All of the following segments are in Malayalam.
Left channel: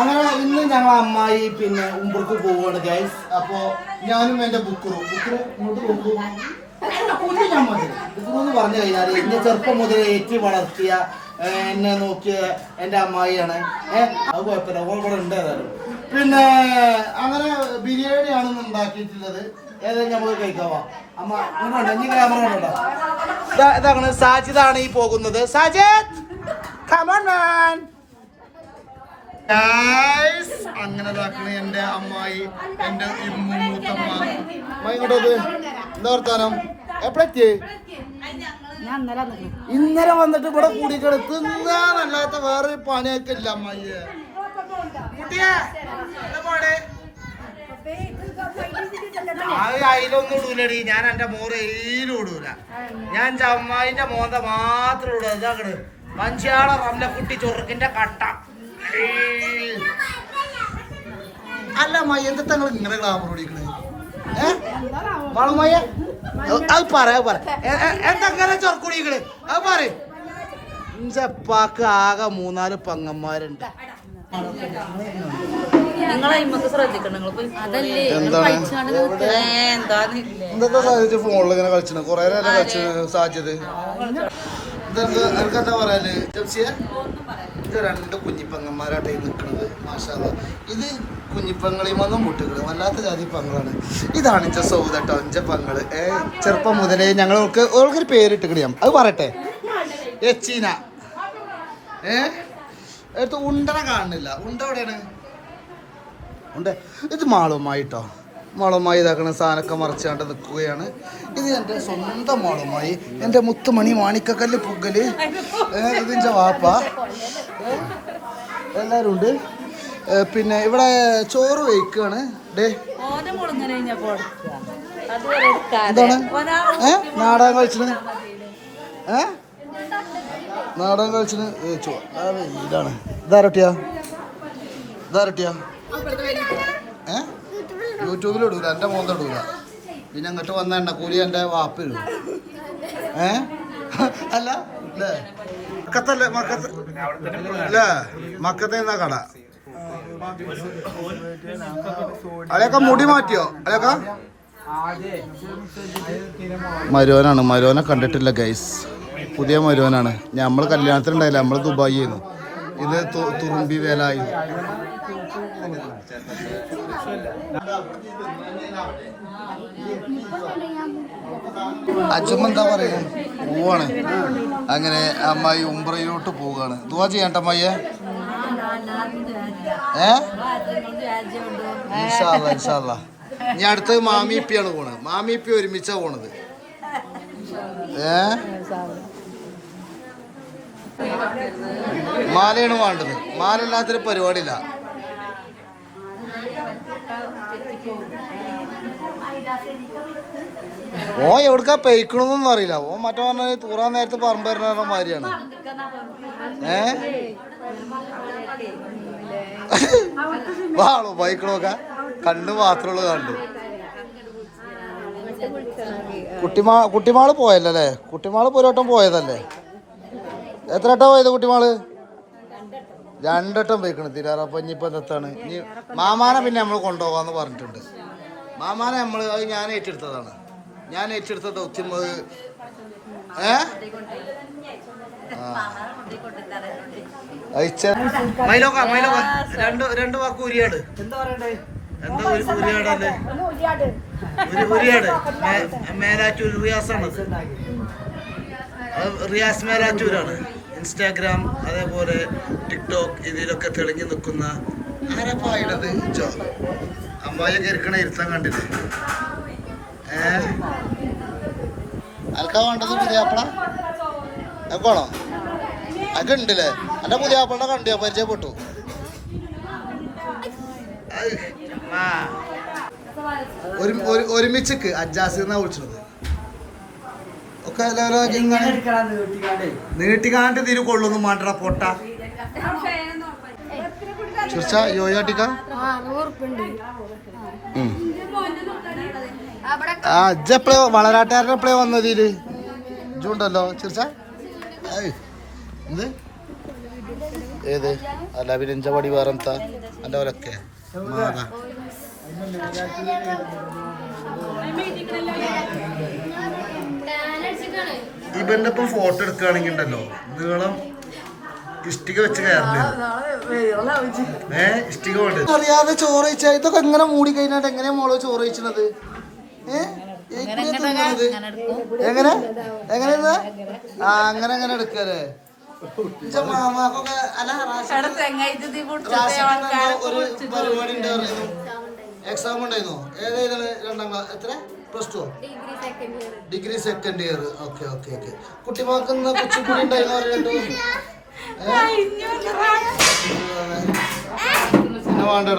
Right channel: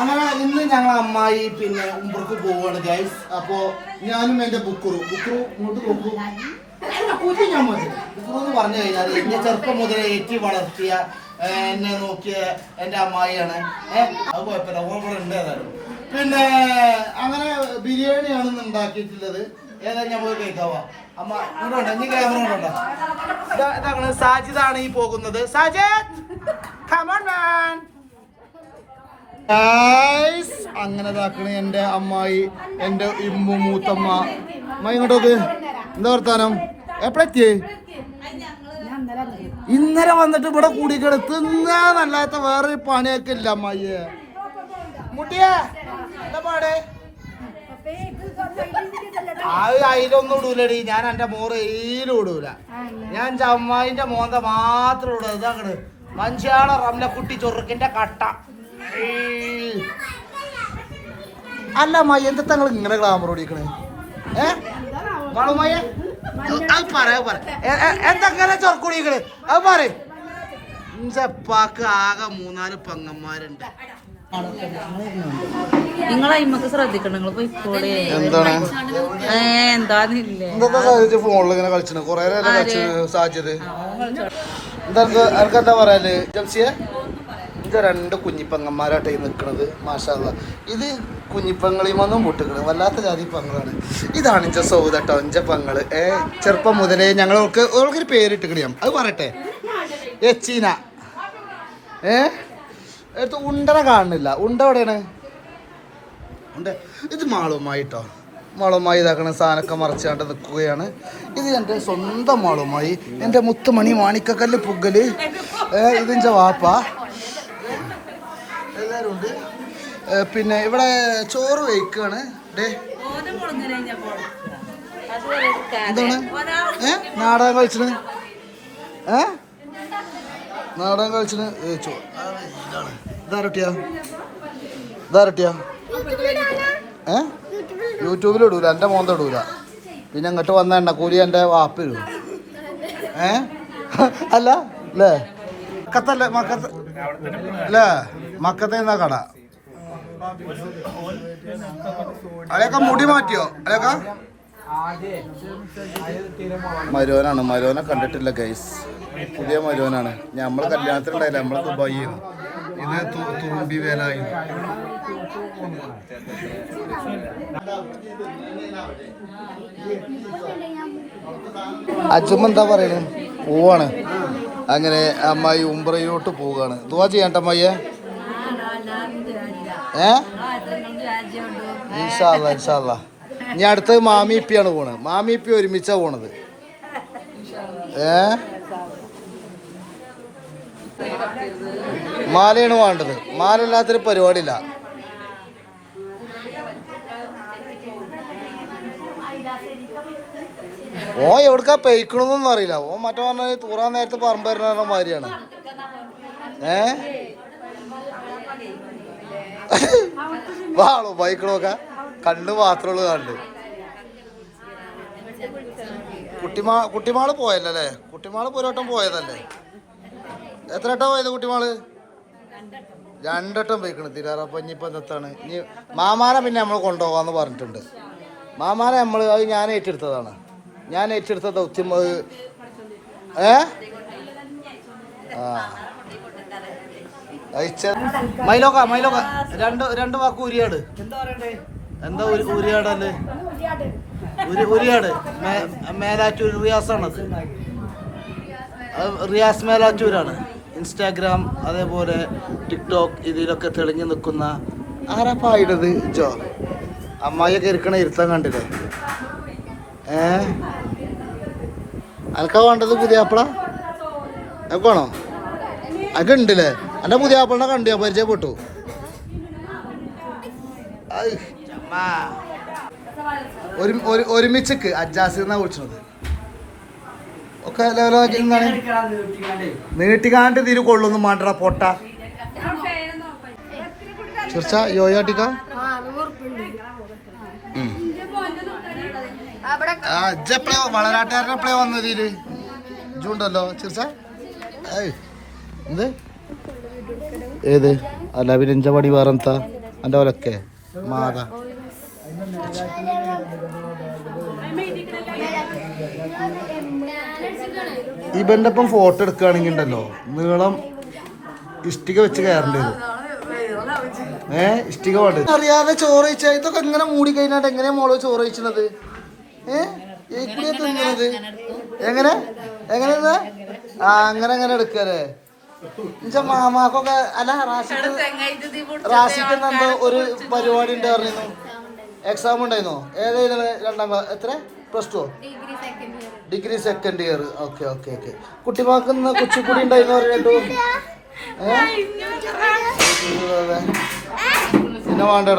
അങ്ങനെ ഇന്ന് ഞങ്ങൾ അമ്മായി പിന്നെ ഉംബ്രക്ക് പോവുകയാണ് ഗൈസ്. അപ്പോ ഞാനും എന്റെ ബുക്കറു ഇങ്ങോട്ട് നോക്കൂ ഞാൻ ബുക്കറു എന്ന് പറഞ്ഞു കഴിഞ്ഞാൽ എന്നെ ചെറുപ്പം മുതൽ ഏറ്റി വളർത്തിയ എന്നെ നോക്കിയ എന്റെ അമ്മായിയാണ്. അത് കുഴപ്പമില്ല, ഇവിടെ ഉണ്ട് ഏതായാലും. പിന്നെ അങ്ങനെ ബിരിയാണിയാണ് ഇന്ന് ഉണ്ടാക്കിയിട്ടുള്ളത്. ഏതായാലും നമുക്ക് കഴിക്കാവാ. അമ്മ ഇങ്ങോട്ട് ഇനി ക്യാമറ ഉണ്ടോ? ഇതാണ് സാജിദാണ് ഈ പോകുന്നത്. സാജിദ് അങ്ങനെ ഇതാക്കണ എന്റെ അമ്മായി, എന്റെ ഇമ്മു മൂത്തമ്മ. ഇങ്ങോട്ടത് എന്താ വർത്താനം? എപ്പോഴെത്തി? ഇന്നലെ വന്നിട്ട് ഇവിടെ കൂടിയിട്ട് തിന്നാനല്ലാത്ത വേറെ പണിയൊക്കെ ഇല്ല അമ്മായിയെ. മുട്ടിയെ അതിലൊന്നും ഇടൂലടി. ഞാൻ എന്റെ മോറ് എയിലും ഇടൂല. ഞാൻ അമ്മായിന്റെ മോന്ത മാത്രം ഇടുക. ഇതാക്കണ് മഞ്ചാള റംലക്കുട്ടി ചൊറുക്കിന്റെ കട്ട. അല്ല അമ്മായി, എന്താ നിങ്ങൾ ഇങ്ങനെ ഗ്ലാമർ ഓടിക്കണേ? വളമയ്യ അത് പറയാ എന്തെങ്ങനെ ചൊറക്കുടിക്കണ്? അത് പറ. ഇഞ്ചപ്പാക്ക് ആകെ 3-4 പെങ്ങന്മാരുണ്ട്. എന്താണ് ഫോണിൽ ഇങ്ങനെ കളിച്ചു? കൊറേ നേരം കളിച്ചു സാധ്യത. എനിക്കെന്താ പറയാല് ജംസിയെ? ഇത് 2 കുഞ്ഞിപ്പങ്ങന്മാരാട്ടെ നിൽക്കുന്നത്. മാഷാല്ലാ. ഇത് കുഞ്ഞിപ്പങ്ങളിമൊന്നും മുട്ടുകള് വല്ലാത്ത ജാതി പങ്ങളാണ്. ഇതാണ് ഇഞ്ച സൗദട്ടോ ഇഞ്ച പങ്ങള്. ചെറുപ്പം മുതലേ ഓൾക്കൊരു പേരിട്ട് കിടിയാം. അത് പറയട്ടെ, എച്ചീന. എടുത്ത് ഉണ്ടന കാണുന്നില്ല. ഉണ്ട എവിടെയാണ്? ഉണ്ട്. ഇത് മാളുമായിട്ടോ. മാളുമായി ഇതാക്കണ സാധനമൊക്കെ മറച്ചാണ്ട് നിൽക്കുകയാണ്. ഇത് എൻ്റെ സ്വന്തം മാളുമായി, എൻ്റെ മുത്തുമണി മാണിക്കക്കല്ല് പുകല്. ഇതിൻ്റെ വാപ്പ എല്ലാവരും ഉണ്ട്. പിന്നെ ഇവിടെ ചോറ് വയ്ക്കുകയാണ്. എന്താണ് നാടകം കളിച്ചിന്? നാടകം കളിച്ചിന് ഇതാണ്. ഇതാരട്ടിയാ? യൂട്യൂബിൽ ഇടൂല, എൻ്റെ മോന്ത ഇടൂല. പിന്നെ ഇങ്ങോട്ട് വന്ന എണ്ണക്കൂലി എൻ്റെ വാപ്പ ഇടും. അല്ല അല്ലേ? മക്കത്തല്ലേ? അല്ലേ? മക്കത്തെ എന്നാ കട? അതൊക്കെ മുടി മാറ്റിയോ? അതൊക്കെ മരുവനാണ്. മരുവനെ കണ്ടിട്ടില്ല ഗൈസ്. പുതിയ മരുവനാണ്. നമ്മൾ കല്യാണത്തിനുണ്ടായില്ല, നമ്മൾ ദുബായി ചെയ്യുന്നു. ഇത് തുറുമ്പി വേലായി. അച്ഛമ്മ എന്താ പറയുന്നത്? പോവാണ്. അങ്ങനെ അമ്മായി ഉംറയിലോട്ട് പോവുകയാണ്. ദുആ ചെയ്യണ്ട അമ്മായിയെ. ഇൻഷാ അല്ലാഹ് ഇൻഷാ അല്ലാഹ്. ഇനി അടുത്തത് മാമി ഇപ്പിയാണ് പോണത്. മാമി ഇപ്പി ഒരുമിച്ചാ പോണത്. മാലയാണ് വേണ്ടത്. മാല ഇല്ലാത്തൊരു പരിപാടിയില്ല. ഓ എവിടുക്കാ പെയ്ക്കണമെന്നൊന്നും അറിയില്ല. ഓ മറ്റേ പറഞ്ഞ തൂറാൻ നേരത്തെ പറമ്പ് വരുന്ന മാതിരിയാണ്. വാളോ ബൈക്കണോക്ക കണ്ണ് മാത്രമുള്ളൂ. കണ്ട് കുട്ടിമാള് പോയല്ലേ? കുട്ടിമാള് ഒരു പോയതല്ലേ? എത്ര വട്ടം പോയത് കുട്ടിമാള്? 2 വട്ടം പോയിക്കണം തിരാറ. അപ്പം ഇനിയിപ്പോൾ എന്താണ്? ഇനി മാമാനെ പിന്നെ നമ്മൾ കൊണ്ടുപോകാമെന്ന് പറഞ്ഞിട്ടുണ്ട്. മാമാനെ നമ്മൾ അത് ഞാൻ ഏറ്റെടുത്തതാണ്. ഞാൻ ഏറ്റെടുത്ത ദൗത്യം. മൈലോക്ക രണ്ട് വാക്ക് ഉരിയാട്. എന്താ ഉരിയാടല്ലേ? ഉരിയാട് മേലാറ്റൂർ റിയാസാണ്. റിയാസ് മേലാറ്റൂരാണ്. ഇൻസ്റ്റാഗ്രാം അതേപോലെ ടിക്ടോക്ക് ഇതിലൊക്കെ തെളിഞ്ഞു നിൽക്കുന്ന ആരപ്പായിടത് ജോ. അമ്മായിയൊക്കെ ഇരിക്കണ ഇരുത്തം കണ്ടില്ലേ? അനക്കാ വേണ്ടത് പുതിയാപ്പിള? എപ്പോണോ അത് ഉണ്ടല്ലേ? എൻ്റെ പുതിയാപ്പിളിനെ കണ്ടിയാ പരിചയപ്പെട്ടു. ഒരുമിച്ചക്ക് അജാസ് എന്നാ വിളിച്ചത്. ഒക്കെ നീട്ടിക്കാണ്ട് തിരു കൊള്ളൊന്നും മാറ്റട പൊട്ട. ചിർച്ച യോയാട്ടിക്ക ഇജെപ്പഴേ വളരാട്ടുകാരനെ എപ്പോഴേ വന്നത്? ഇതില് ഇജുണ്ടല്ലോ ചിർച്ച. എന്ത് ഏത് അല്ല വിരിഞ്ചപടി വേറെന്താ എൻ്റെ പോലൊക്കെ മാതാ ഇവൻ്റെ ഒപ്പം ഫോട്ടോ എടുക്കുകയാണെങ്കിൽ ഉണ്ടല്ലോ നീളം ഇഷ്ടിക വെച്ച് കയറേണ്ടി വരും. ഇഷ്ടിക പാട്ട് അറിയാതെ ചോറ് കഴിച്ചാൽ ഇതൊക്കെ എങ്ങനെ മൂടി കഴിഞ്ഞാൽ എങ്ങനെയാ മോളോ ചോറ് കഴിച്ചത്? എങ്ങനെ എങ്ങനെയാ അങ്ങനെ അങ്ങനെ എടുക്കല്ലേ മാമാക്കൊക്കെ അല്ല റാഷിക്ക് എന്തോ ഒരു പരിപാടി ഉണ്ട് പറഞ്ഞിരുന്നു. എക്സാം ഉണ്ടായിരുന്നോ? ഏതായിരുന്നു? 2ാം ക്ലാസ് എത്ര +2 degree second year. Okay okay okay. കുട്ടിമാക്കുന്ന കുച്ചിപ്പുടി ഉണ്ടായിരുന്നു പിന്നെ വേണ്ടേ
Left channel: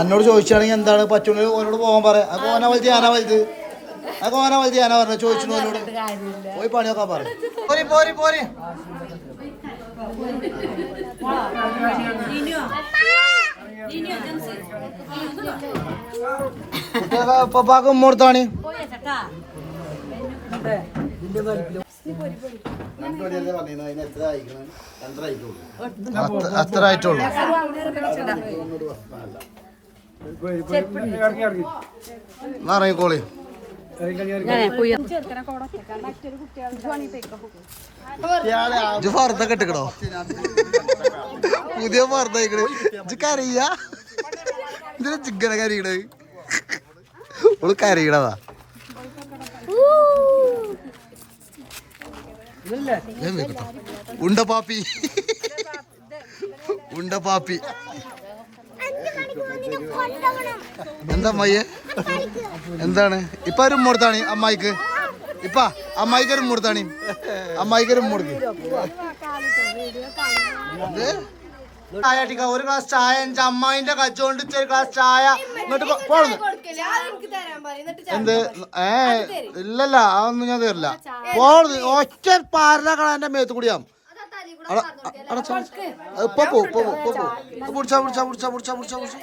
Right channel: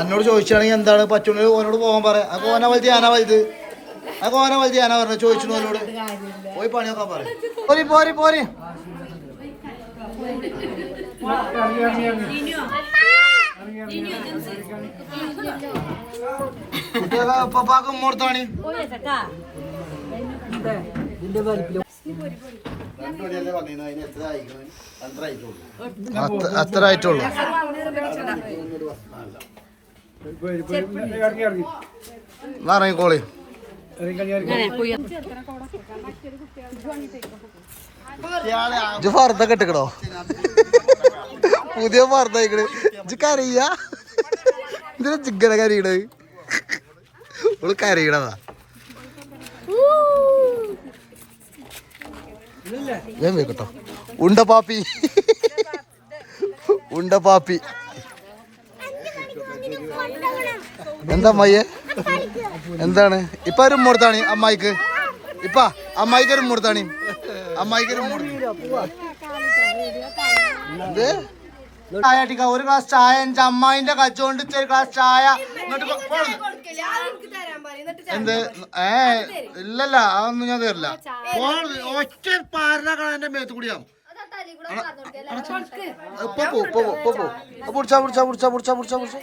എന്നോട് ചോദിച്ചാണെങ്കിൽ എന്താണ് പറ്റുന്നത് ഓനോട് പോകാൻ പറയാം. അപ്പൊ ഓന വലുത് ഞാനാ വലുത് അപ്പൊ ഓന വലുത് ഞാനാ പറഞ്ഞ ചോദിച്ചു ഓനോട് പോയി പണിയൊക്കെ പറയാം. പോരി പോരി പോരി കുട്ടികളെ പപ്പാക്ക് ഉമ്മോടുത്താണ് അത്ര ആയിട്ടുള്ളൂ. ഇറങ്ങിക്കോളി. ഫർദൊക്കെ ഇട്ടിക്കണോ? പുതിയ ഫർദ കരയ്യ ഇതിന് ചിക്കന കരയണത് ഓള് കരയണതാ. കേട്ടോ ഉണ്ടപ്പാപ്പി ഉണ്ടപ്പാപ്പി എന്താ അമ്മായിയെ എന്താണ് ഇപ്പൊ ഒരു ഉമ്മോടുത്താണ് അമ്മായിക്ക്? ഇപ്പ അമ്മായിക്ക് ഒരു ഉമ്മോടുത്താണ് അമ്മായിക്ക് ഒരു ഉമ്മോടുത്ത് ചായ അടിക്ക. ഒരു ഗ്ലാസ് ചായ എന്റെ അമ്മായിന്റെ കച്ചോണ്ട് ഒരു ഗ്ലാസ് ചായ എന്നിട്ട് എന്ത് ഇല്ലല്ല അതൊന്നും ഞാൻ തരില്ല. ഒറ്റ പാരല എന്റെ മേത്ത് കൂടിയാ ഇപ്പൊ പിടിച്ചാ പിടിച്ചാ പിടിച്ചാ പിടിച്ചാ പിടിച്ചാ പിടിച്ച.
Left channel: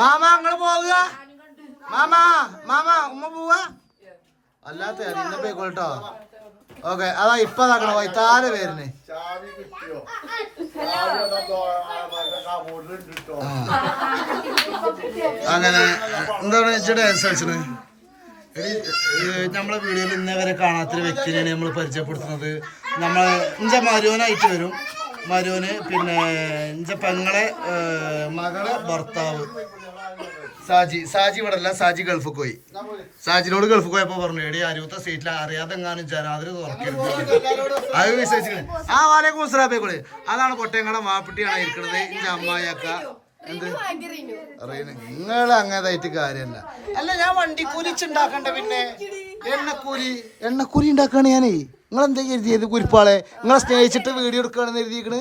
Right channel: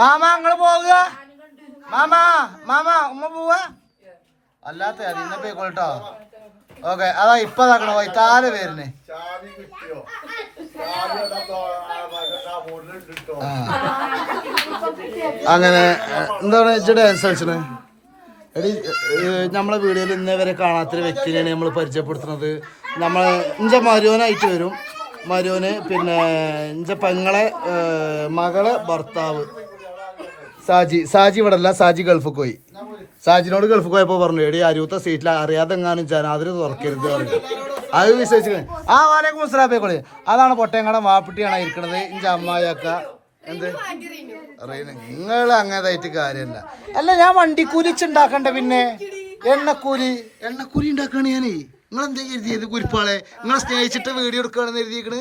മാമ അങ്ങള് പോവുക. മാമാ മാമാ ഉമ്മ പോവുക അല്ലാത്ത ഇന്ന പോയിക്കോട്ടോ. ഓക്കെ അതാ ഇപ്പൊ ഇതാക്കണ വൈത്താല് പേരിന് അങ്ങനെ എന്താണ് ഇച്ചിടെ അനുസരിച്ചത്. എടി നമ്മളെ വീഡിയോയിൽ ഇന്നേ വരെ കാണാത്തൊരു വ്യക്തിനെയാണ് നമ്മൾ പരിചയപ്പെടുത്തുന്നത്. നമ്മളെ ഇഞ്ച മരുവനായിട്ട് വരും. മരുവന് പിന്നെ ഇഞ്ച പെങ്ങളെ മകളെ ഭർത്താവ് സാജി ഇവിടെ അല്ല, സാജി ഗൾഫിൽ പോയി. സാജിനോട് ഗൾഫിൽ പോയപ്പോ പറഞ്ഞു എടി അരുവത്തെ സീറ്റിൽ അറിയാതെ എങ്ങാനും ജനാതിരി തുറക്കരുത് അത് വിശ്വസിക്കുന്നത്. ആ വാലേക്കും മുസ്ലാബേക്കോളി അതാണ് പൊട്ടയങ്ങടെ മാപ്പിട്ടിയാണ് ഇരിക്കണത്. ഇഞ്ച അമ്മായിക്ക എന്ത് നിങ്ങൾ അങ്ങനതായിട്ട് കാര്യമല്ല. അല്ല ഞാൻ വണ്ടിക്കൂലി വെച്ചുണ്ടാക്കണ്ട പിന്നെ എണ്ണക്കൂലി ഉണ്ടാക്കാണ് ഞാനേ. നിങ്ങൾ എന്താ കരുതിയത് കുരിപ്പാളെ? നിങ്ങളെ സ്നേഹിച്ചിട്ട് വീഡിയോ എടുക്കുകയാണെന്ന് എഴുതിയിരിക്കണ്.